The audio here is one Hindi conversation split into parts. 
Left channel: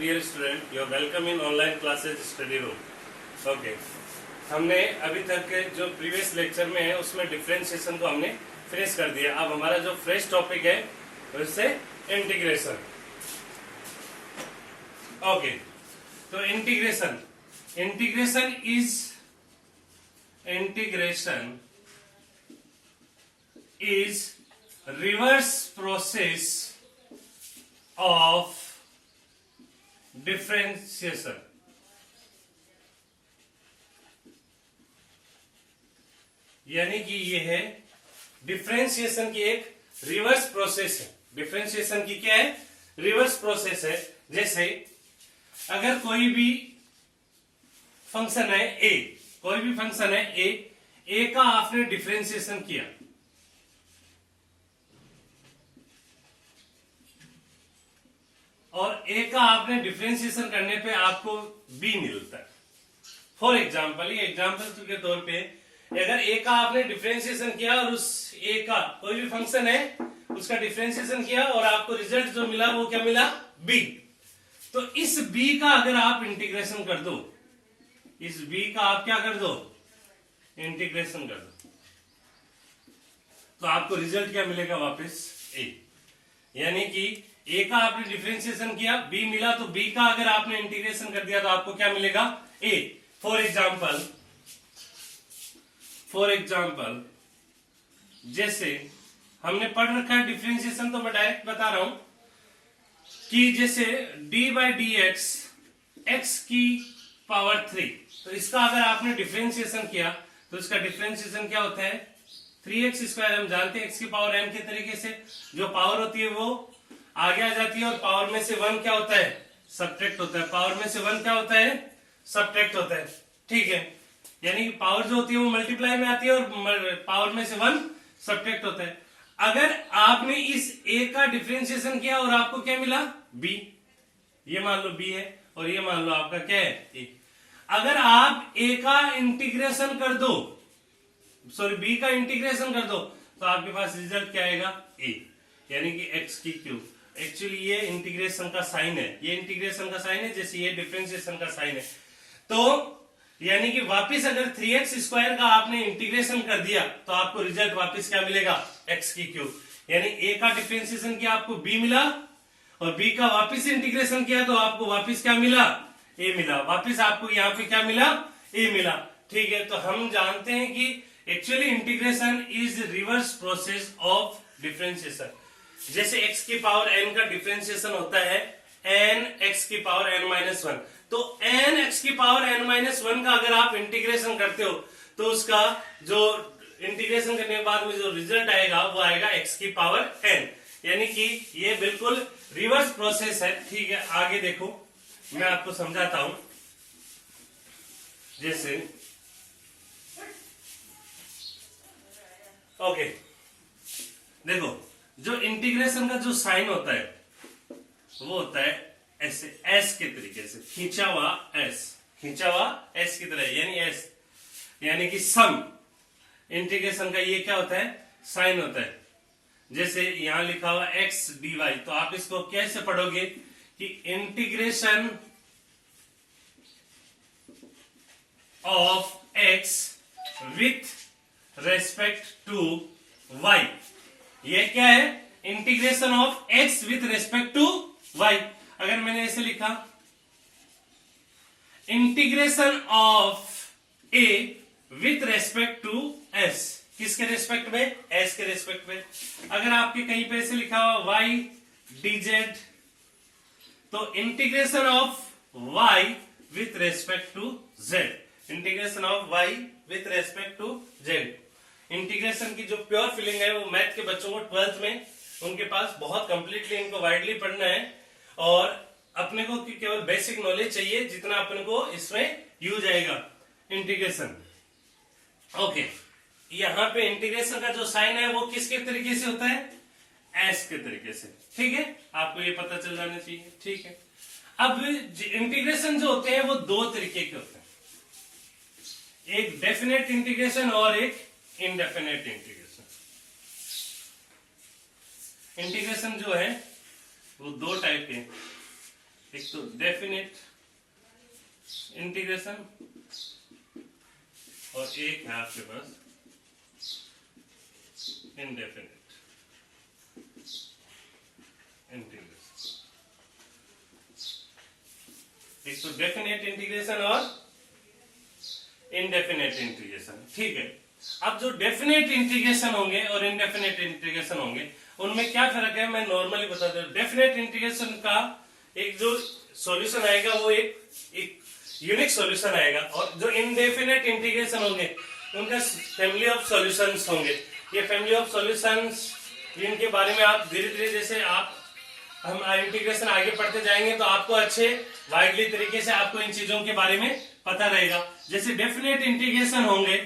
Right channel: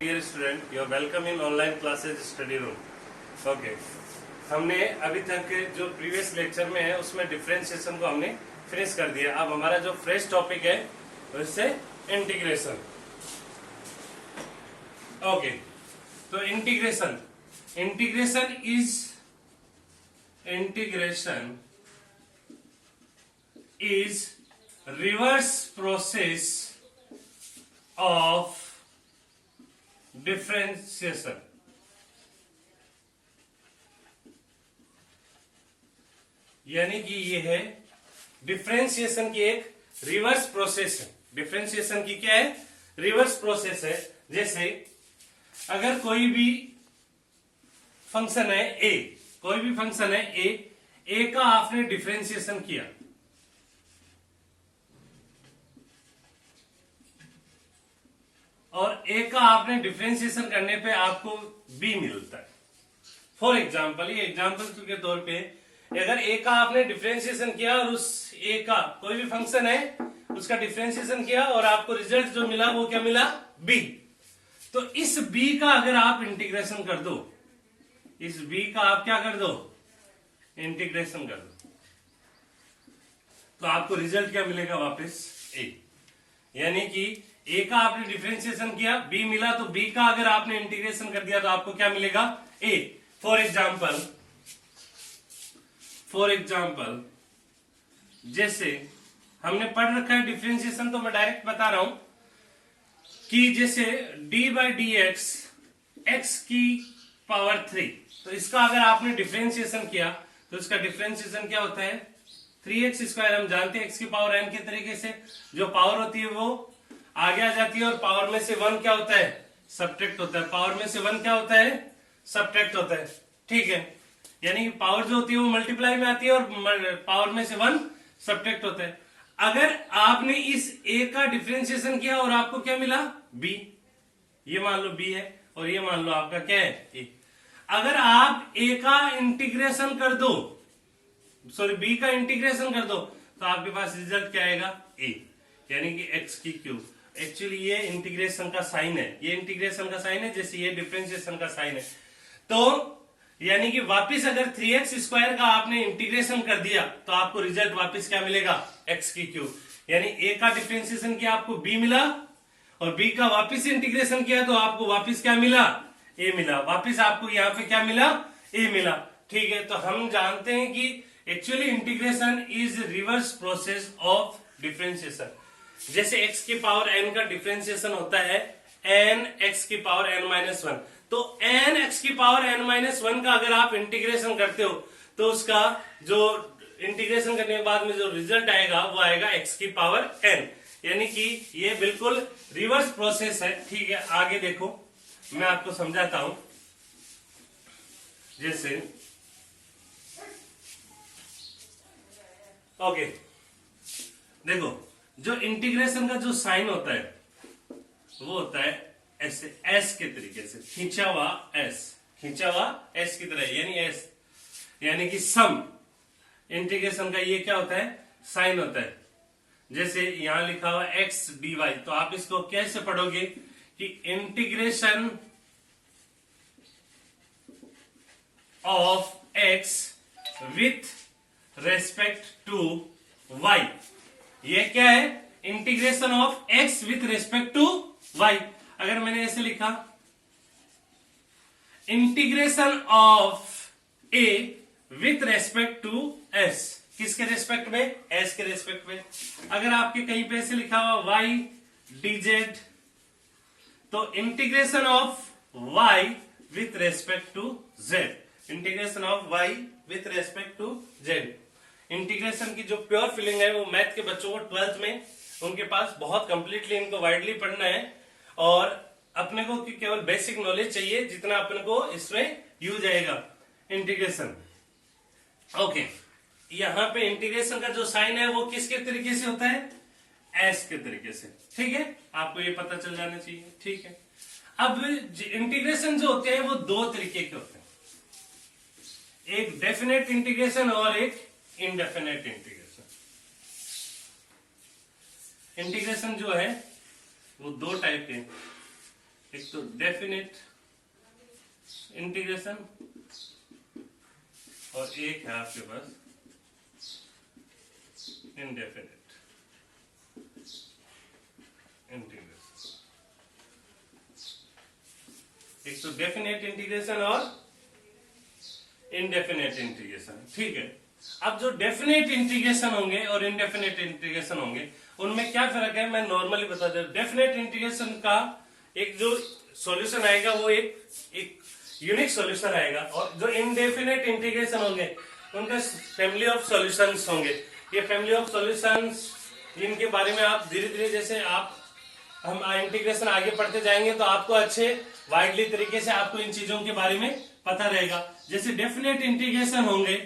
Dear student, you are welcome in online classes study room. Okay, हमने अभी तक जो प्रीवियस लेक्चर में है उसमें डिफरेंशिएशन को हमने फिनिश कर दिया। अब हमारा जो फ्रेश टॉपिक है उससे इंटीग्रेशन। ओके, तो integration is reverse process of differentiation. यानी कि ये है डिफरेंशिएशन की एक रिवर्स प्रोसेस है। डिफरेंशिएशन की क्या है? रिवर्स प्रोसेस है। जैसे अगर कोई भी फंक्शन है ए का आपने डिफरेंशिएशन किया, और ए का आपने डिफरेंशिएशन करने पे आपको बी मिलता है। फॉर एग्जाम्पल, ये एग्जाम्पल के तौर पे अगर ए का आपने डिफरेंशिएशन किया और उस ए का कोई भी फंक्शन है उसका डिफरेंशिएशन किया और आपको रिजल्ट जो मिला वो क्या मिला? बी। तो इस बी का अगर आप इंटीग्रेशन कर दो, इस बी का आप क्या कर दो? इंटीग्रेशन कर दो, तो आपको रिजल्ट क्या मिलेगा? वापस ए। यानी कि ए का आपने डिफरेंशिएशन किया, बी मिला, तो बी का अगर आपने इंटीग्रेशन कर दिया तो आपको क्या मिलेगा? ए। फॉर एग्जाम्पल जैसे हमने पढ़ रखा है डिफरेंशिएशन, तो मैं डायरेक्ट बता रहा हूं कि जैसे डी बाई डी एक्स की पावर 3, तो इसका अगर आपने डिफरेंशिएशन किया तो इसका डिफरेंशिएशन क्या होता है? 3x²। हम जानते हैं एक्स की पावर n के तरीके से जो पावर होती है वो आगे आ जाती है, और पावर में से 1 क्या होता है? सब्ट्रैक्ट होता है। पावर में से 1 क्या होता है? सब्ट्रैक्ट होता है। ठीक है, यानी कि पावर जो होती है वो मल्टीप्लाई में आती है और पावर में से 1 सब्ट्रैक्ट होता है। अगर आपने इस a का डिफरेंशिएशन किया और आपको क्या मिला? b। ये मान लो b है और ये मान लो आपका क्या है? a। अगर आप a का इंटीग्रेशन कर दो, सॉरी b का इंटीग्रेशन कर दो, तो आपके पास रिजल्ट क्या आएगा? a। यानी कि x की क्यूब। एक्चुअली ये इंटीग्रेशन का साइन है, ये इंटीग्रेशन का साइन है, जैसे ये डिफरेंशिएशन का साइन है। तो यानी कि वापस अगर 3x² का आपने इंटीग्रेशन कर दिया तो आपको रिजल्ट वापस क्या मिलेगा? x की क्यूब। यानी a का डिफरेंशिएशन किया आपको b मिला, और b का वापस इंटीग्रेशन किया तो आपको वापस क्या मिला? a मिला। वापस आपको यहाँ पे क्या मिला? a मिला। ठीक है, तो हम जानते हैं कि actually integration is reverse process of differentiation. जैसे x की पावर n का डिफरेंशिएशन होता है n x की पावर n-1, तो n x की पावर n-1 का अगर आप इंटीग्रेशन करते हो तो उसका जो इंटीग्रेशन करने के बाद में जो रिजल्ट आएगा वो आएगा x की पावर n। यानी कि ये बिल्कुल रिवर्स प्रोसेस है। ठीक है, आगे देखो, मैं आपको समझाता हूं। जैसे ओके, देखो, जो इंटीग्रेशन का जो साइन होता है वो होता है ऐसे, एस के तरीके से, खींचा हुआ एस की तरह, यानी एस, यानी कि सम। इंटीग्रेशन का ये क्या होता है? साइन होता है। जैसे यहां लिखा हुआ x dy, तो आप इसको कैसे पढ़ोगे कि integration of x with respect to y। ये क्या है? Integration of x with respect to y। अगर मैंने ऐसे लिखा integration of a with respect to s, किसके रेस्पेक्ट में? s के रेस्पेक्ट में। अगर आपके कहीं पे ऐसे लिखा हुआ y dz, तो integration of y with respect to z। Integration of y with respect to z। Integration की जो प्योर फीलिंग है वो मैथ के बच्चों को 12th में उनके पास बहुत कंप्लीटली इनको वाइडली पढ़ना है, और अपने को केवल बेसिक नॉलेज चाहिए जितना अपने को इसमें यूज आएगा इंटीग्रेशन। ओके, यहां पे इंटीग्रेशन का जो साइन है वो किसके तरीके से होता है? एस के तरीके से। ठीक है, आपको ये पता चल जाना चाहिए। ठीक है, अब इंटीग्रेशन जो होते हैं वो दो तरीके के होते हैं, एक डेफिनेट इंटीग्रेशन और एक इनडेफिनेट इंटीग्रेशन। इंटीग्रेशन जो है वो दो टाइप के, एक तो डेफिनेट इंटीग्रेशन और एक है आपके पास इनडेफिनेट इंटीग्रेशन। एक तो डेफिनेट इंटीग्रेशन और इनडेफिनेट इंटीग्रेशन। ठीक है, अब जो डेफिनेट इंटीग्रेशन होंगे और इनडेफिनेट इंटीग्रेशन होंगे उनमें क्या फर्क है मैं नॉर्मली बता दूं। डेफिनेट इंटीग्रेशन का एक जो सॉल्यूशन आएगा वो एक यूनिक सॉल्यूशन आएगा, और जो इनडेफिनेट इंटीग्रेशन होंगे उनका फैमिली ऑफ सॉल्यूशंस होंगे। ये फैमिली ऑफ सॉल्यूशंस जिनके बारे में आप धीरे धीरे जैसे हम इंटीग्रेशन आगे पढ़ते जाएंगे तो आपको अच्छे वाइडली तरीके से आपको इन चीजों के बारे में पता रहेगा। जैसे डेफिनेट इंटीग्रेशन होंगे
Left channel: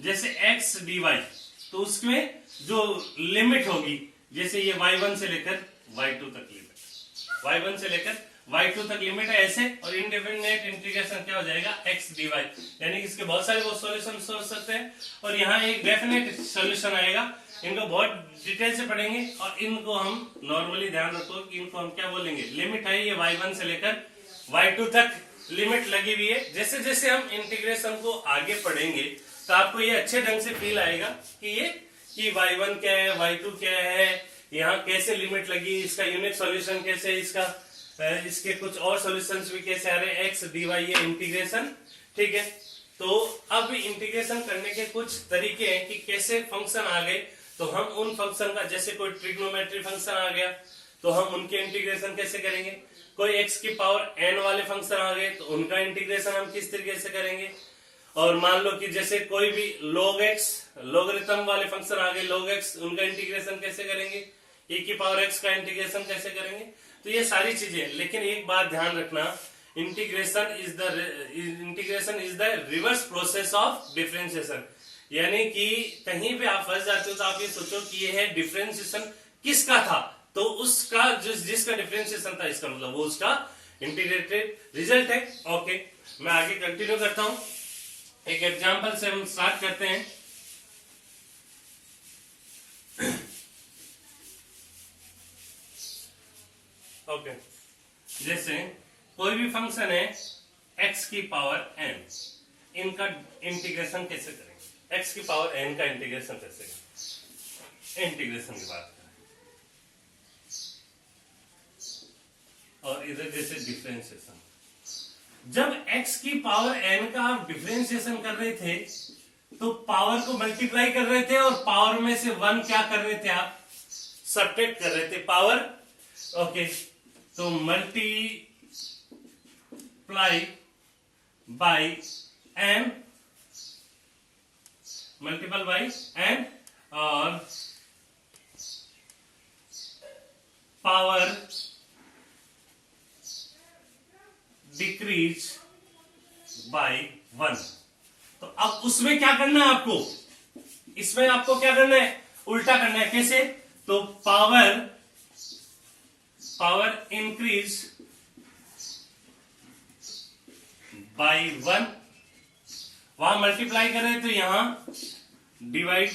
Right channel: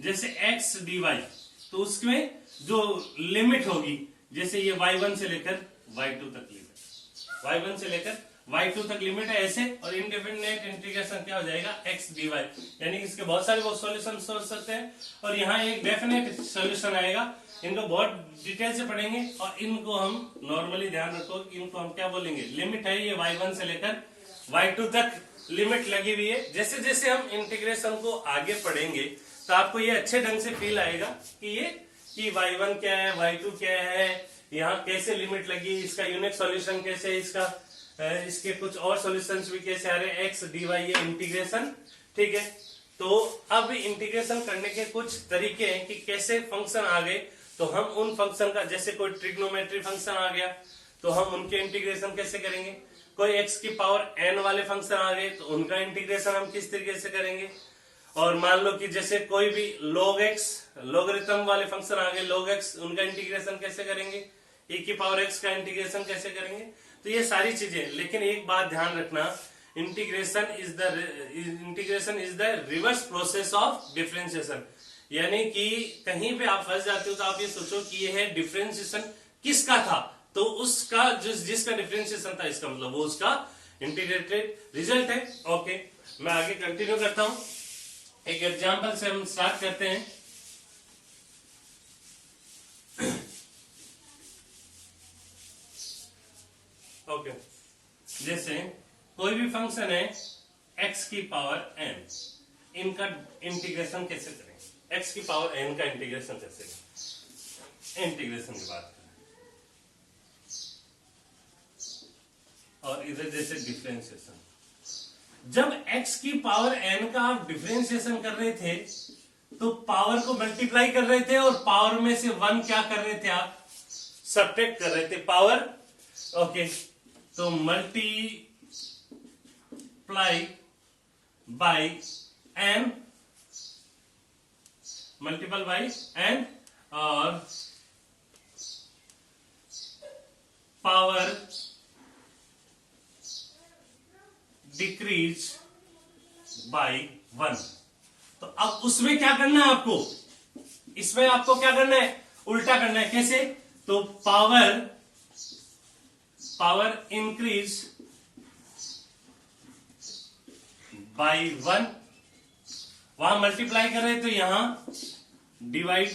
जैसे x dy, तो उसमें जो लिमिट होगी जैसे ये y1 से लेकर y2 तक लिमिट, y1 से लेकर y2 तक लिमिट है ऐसे। और इनडेफिनेट इंटीग्रेशन क्या हो जाएगा x dy, यानी कि इसके बहुत सारे सॉल्यूशन हो सकते हैं और यहाँ एक डेफिनेट सॉल्यूशन आएगा। इनको बहुत डिटेल से पढ़ेंगे और इनको हम नॉर्मली ध्यान रखो कि इनको हम क्या बोलेंगे, लिमिट है ये y1 से लेकर y2 तक लिमिट लगी हुई है। जैसे जैसे हम इंटीग्रेशन को आगे पढ़ेंगे तो आपको ये अच्छे ढंग से फील आएगा कि y1 क्या है, y2 क्या है, यहाँ कैसे लिमिट लगी, इसका यूनिक सॉल्यूशन कैसे, इसके कुछ और सॉल्यूशंस भी कैसे आ रहे हैं, x dy ये इंटीग्रेशन। ठीक है, तो अब इंटीग्रेशन करने के कुछ तरीके हैं कि कैसे फंक्शन आ गए तो हम उन फंक्शन का, जैसे कोई ट्रिग्नोमेट्री फंक्शन आ गया तो हम उनके इंटीग्रेशन कैसे करेंगे, कोई x की पावर n वाले फंक्शन आ गए तो उनका इंटीग्रेशन हम किस तरीके से करेंगे, और मान लो कि जैसे कोई भी log x लॉगरिथम वाले फंक्शन आ गए log x, उनका इंटीग्रेशन कैसे करेंगे, e की पावर x का इंटीग्रेशन कैसे करेंगे। तो ये सारी चीजें, लेकिन एक बात ध्यान रखना, integration is the reverse process of differentiation. यानी कि कहीं पे आप फंस जाते हो तो आप ये सोचो कि ये है डिफरेंशिएशन किसका था, तो उसका जिसका डिफरेंशिएशन था इसका मतलब वो उसका इंटीग्रेटेड रिजल्ट है। ओके, मैं आगे कंटिन्यू करता हूं, एक एग्जांपल से हम स्टार्ट करते हैं। ओके, जैसे कोई भी फंक्शन है x की पावर n, इनका इंटीग्रेशन कैसे करेंगे, x की पावर n का इंटीग्रेशन कैसे करेंगे, इंटीग्रेशन की बात करें। और इधर जैसे डिफरेंशिएशन, जब x की पावर n का आप डिफरेंशिएशन कर रहे थे तो पावर को मल्टीप्लाई कर रहे थे और पावर में से 1 क्या कर रहे थे आप, सब्ट्रैक्ट कर रहे थे पावर। ओके, तो multiply by n, multiple bye n और पावर डिक्रीज बाय 1। तो अब उसमें क्या करना है आपको, इसमें आपको क्या करना है, उल्टा करना है। कैसे, तो पावर इंक्रीज बाय 1, वहां मल्टीप्लाई कर रहे तो यहां डिवाइड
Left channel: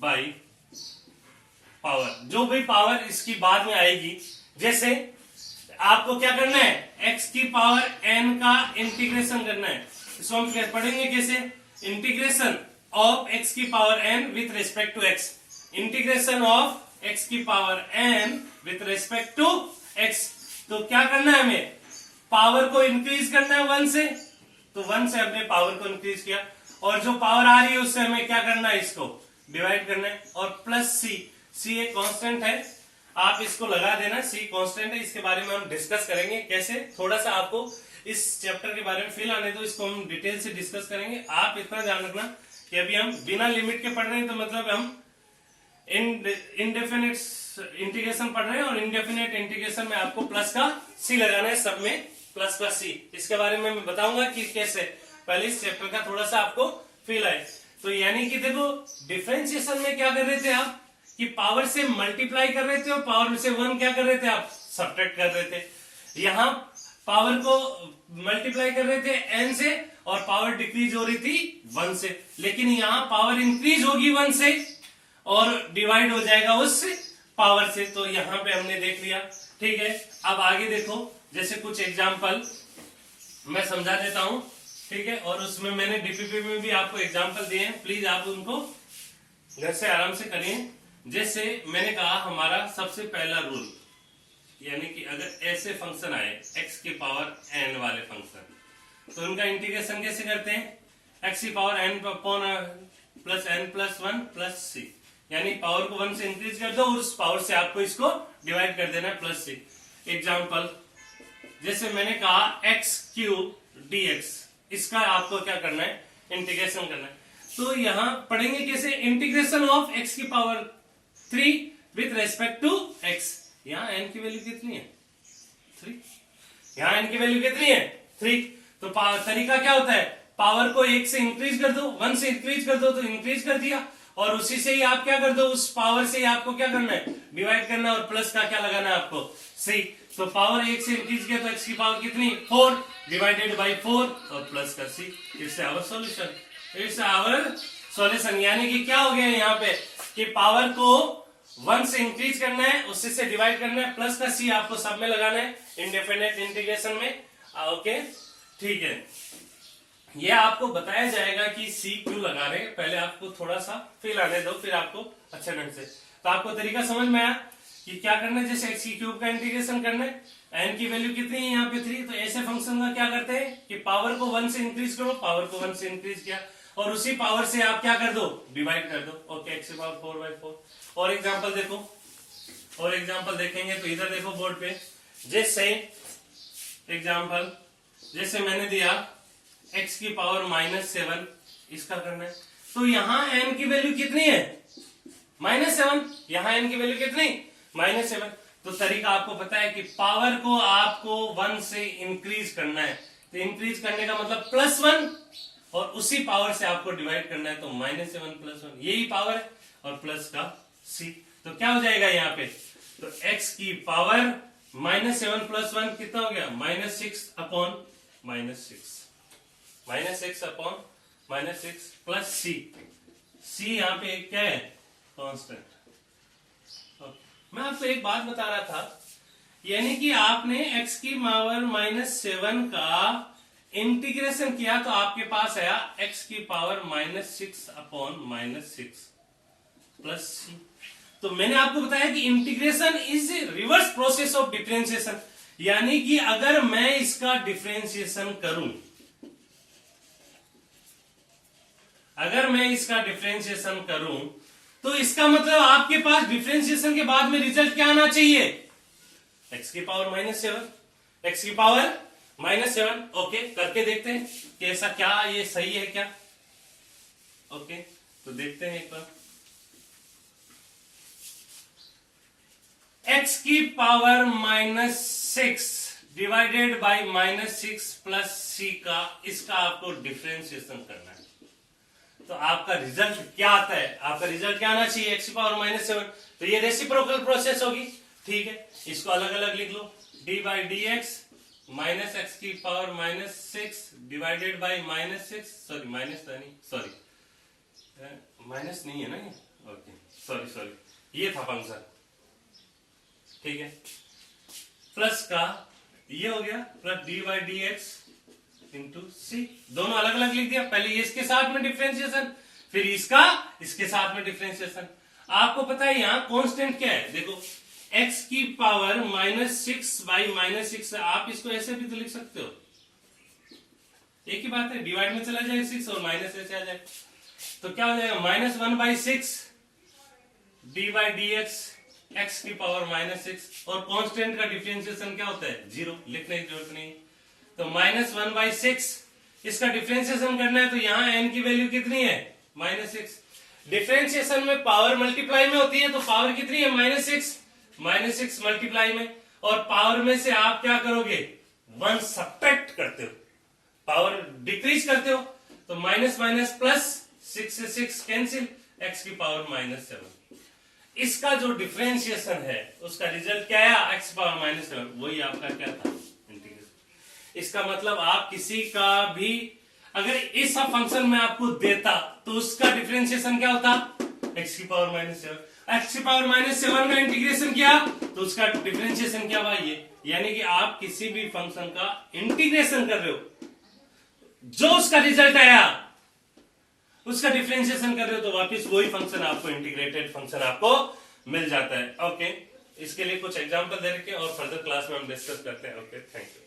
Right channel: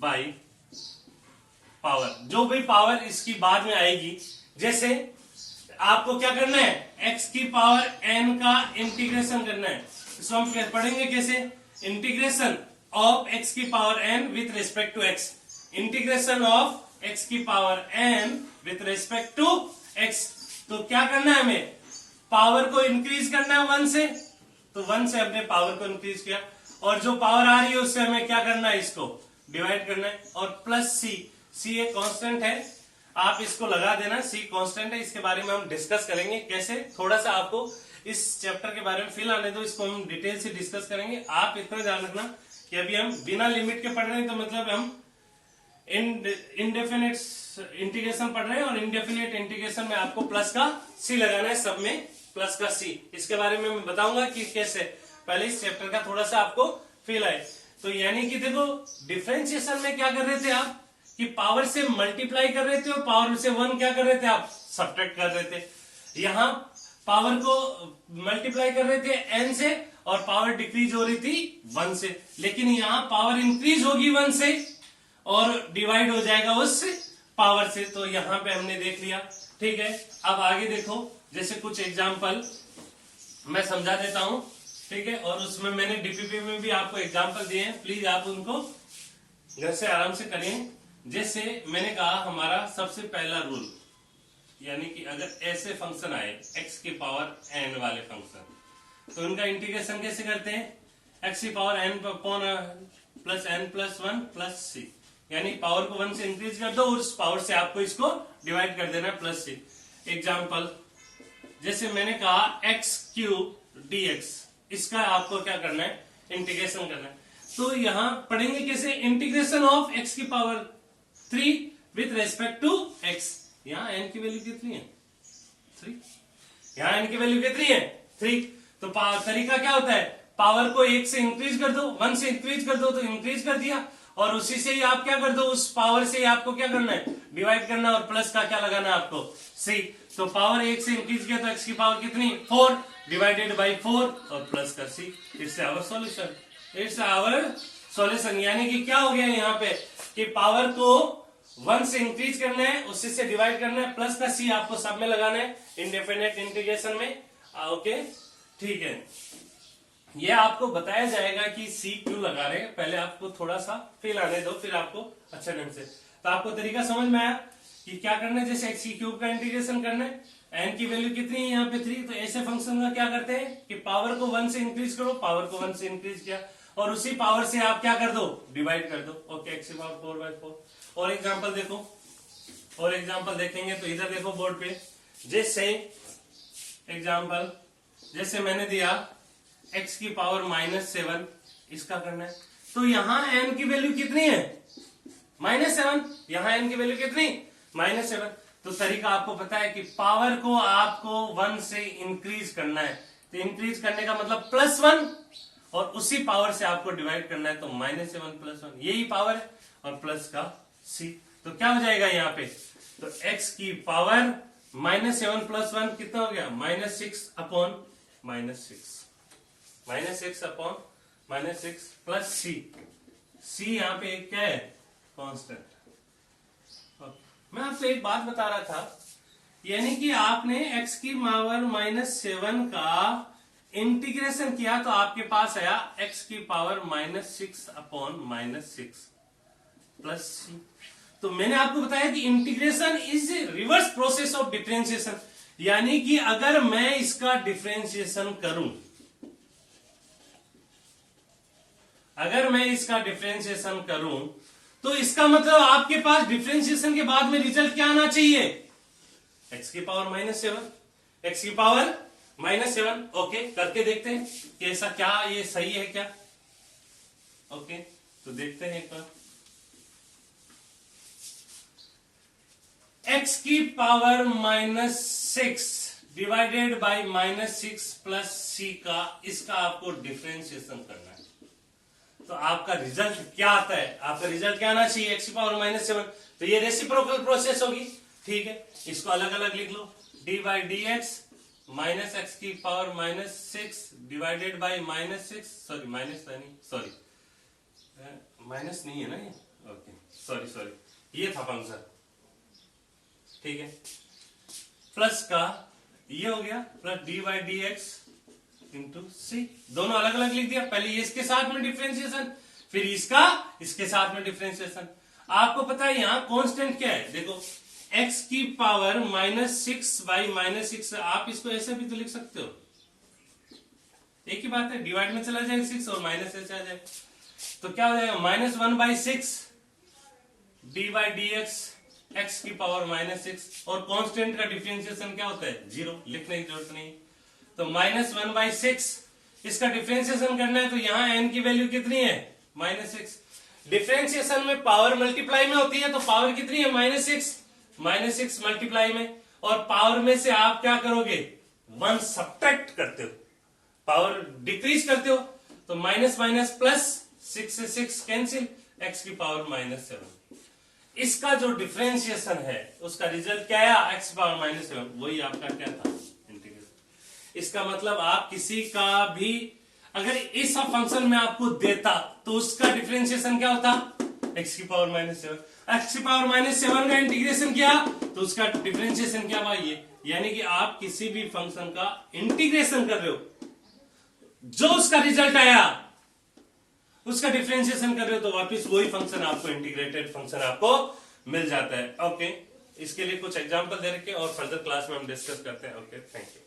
बाय पावर, जो भी पावर इसकी बाद में आएगी। जैसे आपको क्या करना है, x की पावर n का इंटीग्रेशन करना है। इसको हम पढ़ेंगे कैसे, इंटीग्रेशन ऑफ x की power n with respect to x, integration of x की power n with respect to x। तो क्या करना है हमें, पावर को इंक्रीज करना है 1 से, तो 1 से हमने पावर को इंक्रीज किया, और जो पावर आ रही है उससे हमें क्या करना है, इसको डिवाइड करना है। और प्लस c एक कांस्टेंट है, आप इसको लगा देना, c कांस्टेंट है। इसके बारे में हम डिस्कस करेंगे कैसे, थोड़ा सा आपको इस चैप्टर के बारे में फील आने दो, इसको हम डिटेल से डिस्कस करेंगे। आप इतना ध्यान रखना कि अभी हम बिना लिमिट के पढ़ रहे हैं, तो मतलब हम इनडेफिनेट इंटीग्रेशन पढ़ रहे हैं, और इनडेफिनेट इंटीग्रेशन में आपको प्लस का c लगाना है, सब में प्लस का c। इसके बारे में मैं बताऊंगा कि कैसे, पहले इस चैप्टर का थोड़ा सा आपको फील आए। तो यानी कि देखो, डिफरेंशिएशन में क्या कर रहे थे आप, कि पावर से मल्टीप्लाई कर रहे थे और पावर से 1 क्या कर रहे थे आप, सब्ट्रैक्ट कर रहे थे। यहां पावर को मल्टीप्लाई कर रहे थे n से और पावर डिक्रीज हो रही थी 1 से, लेकिन यहां पावर इंक्रीज होगी 1 से और डिवाइड हो जाएगा उस पावर से। तो यहां पे हमने देख लिया ठीक है, अब आगे देखो, जैसे कुछ एग्जाम्पल मैं समझा देता हूं, ठीक है, और उसमें मैंने डीपीपी में भी आपको एग्जाम्पल दिए हैं, प्लीज आप उनको घर से आराम से करिए। जैसे मैंने कहा हमारा सबसे पहला रूल, यानी कि अगर ऐसे फंक्शन आए x की पावर n वाले फंक्शन, तो उनका इंटीग्रेशन कैसे करते हैं, x की power n plus n plus 1 plus C, यानी पावर को 1 से इंक्रीज कर दो और उस पावर से आपको इसको डिवाइड कर देना है प्लस सी। एग्जाम्पल, जैसे मैंने कहा x क्यूब dx, इसका आपको क्या करना है, इंटीग्रेशन करना है। तो यहां पढ़ेंगे कैसे, इंटीग्रेशन ऑफ x की power 3 with respect to x। यहां n की वैल्यू कितनी है, 3, यहां n की वैल्यू कितनी है, 3। तो तरीका क्या होता है, पावर को 1 से इंक्रीज कर दो, 1 से इंक्रीज कर दो तो इंक्रीज कर दिया, और उसी से ही आप क्या कर दो, उस पावर से ही आपको क्या करना है, डिवाइड करना है, और प्लस का क्या लगाना है आपको, सी। तो पावर 1 से इंक्रीज किया तो x की पावर कितनी, 4 डिवाइडेड बाई 4 और प्लस कर C. It's our solution, it's our solution. यानी कि क्या हो गया यहाँ पे कि पावर को 1 से इंक्रीज करना है, उसी से डिवाइड करना है, प्लस का सी आपको सब में लगाना है इंडेफिनेट इंटीग्रेशन में। ओके, ठीक है, ये आपको बताया जाएगा कि सी क्यों लगा रहे हैं, पहले आपको थोड़ा सा फील आने दो, फिर आपको अच्छे ढंग से। तो आपको तरीका समझ में आया कि क्या करना है, जैसे x क्यूब का इंटीग्रेशन करना है, n की वैल्यू कितनी है यहाँ पे 3, तो ऐसे फंक्शन का क्या करते हैं कि पावर को 1 से इंक्रीज करो, पावर को 1 से इंक्रीज किया और उसी पावर से आप क्या कर दो, डिवाइड कर दो। ओके, x की पावर 4/4। और एग्जाम्पल देखो, और एग्जाम्पल देखेंगे तो इधर देखो बोर्ड पे, जैसे एग्जाम्पल, जैसे मैंने दिया x की पावर -7, इसका करना है। तो यहां n की वैल्यू कितनी है, -7, यहां n की वैल्यू कितनी, -7। तो तरीका आपको पता है कि पावर को आपको 1 से इंक्रीज करना है, तो इंक्रीज करने का मतलब +1, और उसी पावर से आपको डिवाइड करना है, तो -7 + 1 यही पावर है, और प्लस का c। तो क्या हो जाएगा यहाँ पे, तो x की पावर -7 + 1 कितना हो गया, -6 upon -6, -6 upon -6 plus c। c यहाँ पे क्या है, कांस्टेंट। मैं आपको एक बात बता रहा था, यानी कि आपने x की पावर -7 का इंटीग्रेशन किया तो आपके पास आया x की पावर -6 अपॉन -6 प्लस c। तो मैंने आपको बताया कि integration is reverse process of differentiation, यानी कि अगर मैं इसका डिफरेंशिएशन करूं, अगर मैं इसका डिफरेंशिएशन करूं तो इसका मतलब आपके पास डिफरेंशिएशन के बाद में रिजल्ट क्या आना चाहिए, x की पावर -7, x की पावर -7। ओके, करके देखते हैं कि ऐसा क्या ये सही है क्या। ओके, तो देखते हैं एक बार, x की power -6 divided by -6 plus c का, इसका आपको डिफरेंशिएशन करना है। तो आपका रिजल्ट क्या आता है, आपका रिजल्ट क्या आना चाहिए, x की पावर -7। तो ये रेसिप्रोकल प्रोसेस होगी, ठीक है, इसको अलग अलग लिख लो, d/dx माइनस x की power -6 divided by -6, sorry minus नहीं, सॉरी माइनस नहीं है ना ये, ओके सॉरी ये था फंक्शन, ठीक है, प्लस का ये हो गया प्लस d/dx इंटू सी, दोनों अलग अलग लिख दिया, पहले ये इसके साथ में डिफरेंशिएशन, फिर इसका इसके साथ में डिफरेंशिएशन। आपको पता है यहां कांस्टेंट क्या है, देखो x की पावर -6/-6, आप इसको ऐसे भी तो लिख सकते हो, एक ही बात है, डिवाइड में चला जाए 6 और माइनस ऐसे आ जाए, तो क्या हो जाएगा -1/6 d/dx x की पावर -6, और कांस्टेंट का डिफरेंशिएशन क्या होता है, 0, लिखने की जरूरत नहीं। तो -1/6 इसका डिफरेंशिएशन करना है, तो यहां n की वैल्यू कितनी है, -6। डिफरेंशिएशन में पावर मल्टीप्लाई में होती है, तो पावर कितनी है, -6 मल्टीप्लाई में, और पावर में से आप क्या करोगे, 1 सब्ट्रैक्ट करते हो, पावर डिक्रीज करते हो, तो माइनस माइनस प्लस, 6 से 6 कैंसिल, x की पावर -7। इसका जो डिफरेंशिएशन है उसका रिजल्ट क्या आया, x की पावर -7, वही आपका क्या था, इंटीग्रेशन। इसका मतलब आप किसी का भी अगर इस फंक्शन में आपको देता तो उसका डिफरेंशिएशन क्या होता, x की पावर -7, x⁻⁷ का इंटीग्रेशन किया तो उसका डिफरेंशिएशन क्या हुआ, ये। यानी कि आप किसी भी फंक्शन का इंटीग्रेशन कर रहे हो, जो उसका रिजल्ट आया उसका डिफरेंशिएशन कर रहे हो, तो वापस वही फंक्शन आपको, इंटीग्रेटेड फंक्शन आपको मिल जाता है। ओके, इसके लिए कुछ एग्जांपल दे रखे और फर्दर क्लास में हम डिस्कस करते हैं। Okay, thank you.